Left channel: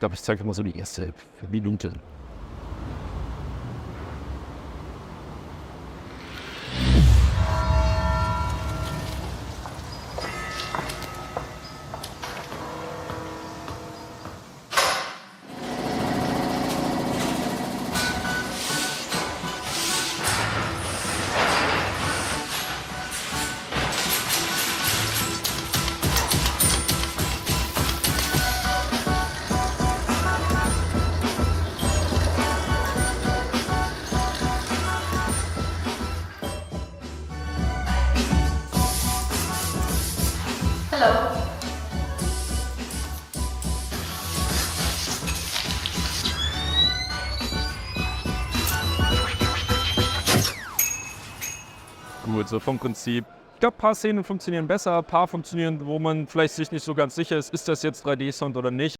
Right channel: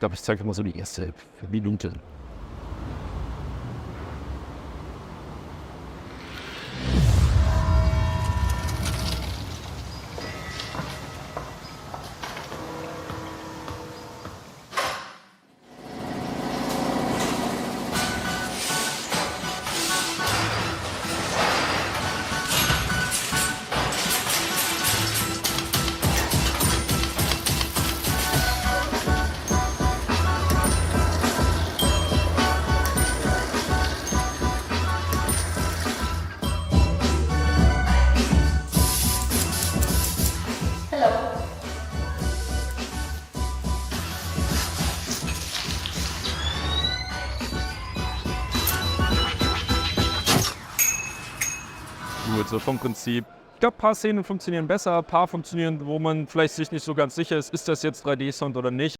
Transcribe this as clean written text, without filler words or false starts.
glaube, ich zeige mal so die erste Minute. Gut, so vom Prinzip. Ich glaube, ein paar Szenen funktionieren besser, ein paar funktionieren, wo man vielleicht sich nicht so ganz sicher ist das jetzt 3D-Sound oder nicht.